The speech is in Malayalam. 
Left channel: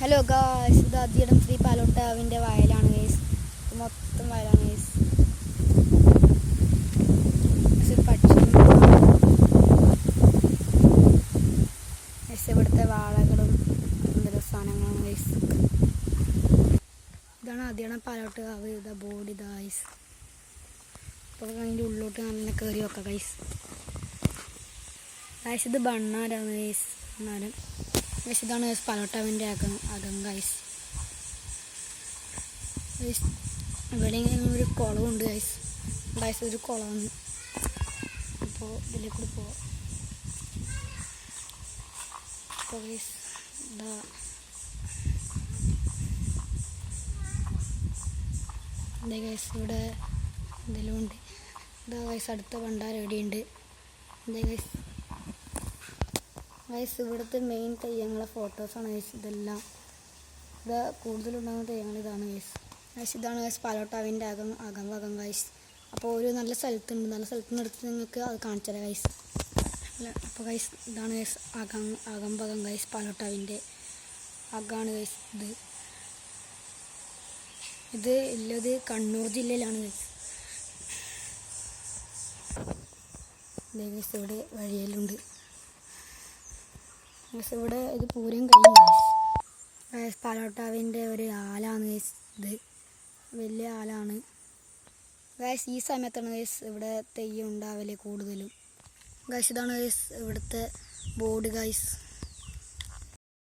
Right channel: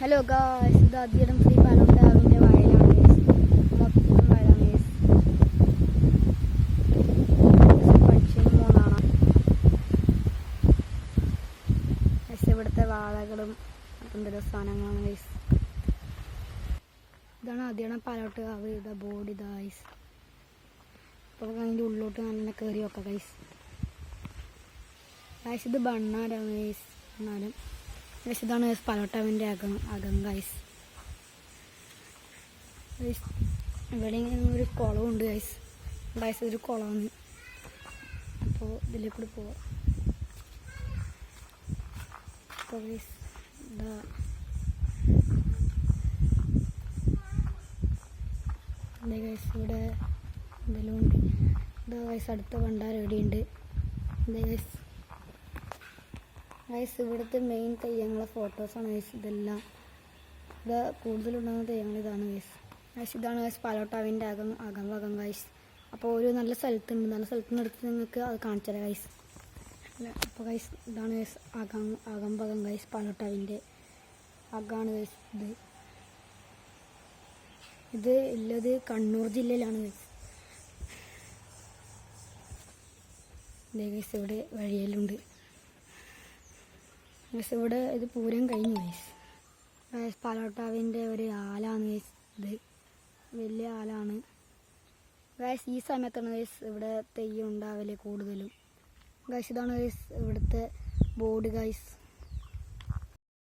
ഹലോ ഗായ്സ്, ഇത് അധികം ശ്രീ പാലോട്ടാവിൻ്റെ വയലാണ് ഗൈസ്. മൊത്തം വയലാണ് ഗൈസ്. ഇവിടുത്തെ വാഴകളും എന്തൊരു സാധനങ്ങളാണ് ഗൈസ്. ഇതാണ് അധികം പാലോട്ടാവ്. ഇതാ ബോർഡ് ഇതാ ഗൈസ്. അപ്പോൾ അതിൻ്റെ ഉള്ളിലോട്ട് നല്ല കയറി വെക്കാം ഗൈസ്. ഗൈസ് ഇത് ബണ്ണാരാണ് ഗൈസ്. എന്നാലും ഗൈസ് ഇതാണ് ഗൈസ് പാലോട്ടാവിൻ്റെ അകം ഗൈസ്. ഇവിടെ ഒരു കുളമുണ്ട് ഗൈസ്. ഗൈസ് ഒരു കുളമാണ്. അപ്പോൾ ഇതിലേക്ക് കൂടി പോവാം. അപ്പോൾ ഗൈസ് ഇതാ എന്താ ഗൈസ് ഇവിടെ എന്തെല്ലാം ഉണ്ട്. ഇതാ ഗൈസ് അടുത്ത ഭണ്ഡാരം എവിടെയുണ്ട്. എന്താ ഗൈസ് ഗൈസ് ഇവിടുത്തെ മെയിൻ തെയ്യങ്ങളെ ഫോട്ടോസാണ് ഗൈസ്. ഇതെല്ലാം ഇവിടെ കൂടുതലുണ്ടാകുന്ന തെയ്യങ്ങൾ ഇതാണ് ഗൈസ്. ഗൈസ് ഇതാണ് ഗൈസ് പാലോട്ടാവിൻ്റെ അകം ഗൈസ്. അപ്പോൾ ഒരു നല്ല സ്ഥലത്തുണ്ട്. നല്ല സ്ഥലത്ത് നിന്ന് എടുത്ത് നിങ്ങൾക്ക് അത് കാണിച്ചു തരാം ഗൈസ്. അപ്പോൾ ഗൈസ് ഇതാണ് ഗൈസ് അകം ഗൈസ്. പാലോട്ടാവിൻ്റെ അകമാണ് ഗൈസ്. ഇത് ഉള്ളത് കണ്ണൂർ ജില്ലയിലാണ് ഗൈസ്. ഇതേ ഗൈസ് ഇവിടെ വഴിയെല്ലുണ്ട് ഗൈസ്. ഇവിടെ ഇത് പൂരം കഴിഞ്ഞു ഗൈസ്. പാലോട്ടാവിൻ്റെ ഒരു ആലാണ് ഗൈസ്. ഇത് വലിയ ആലാണ് ഗൈസ്. ഈ സമയത്താണ് ഗൈസ് ഇവിടെ തെയ്യം ഉണ്ടാവല് കൂടുതലും ഗൈസ്. ഇതാണ് ഗൈസ് ഇവിടുത്തെ ബോർഡ് ഗൈസ്.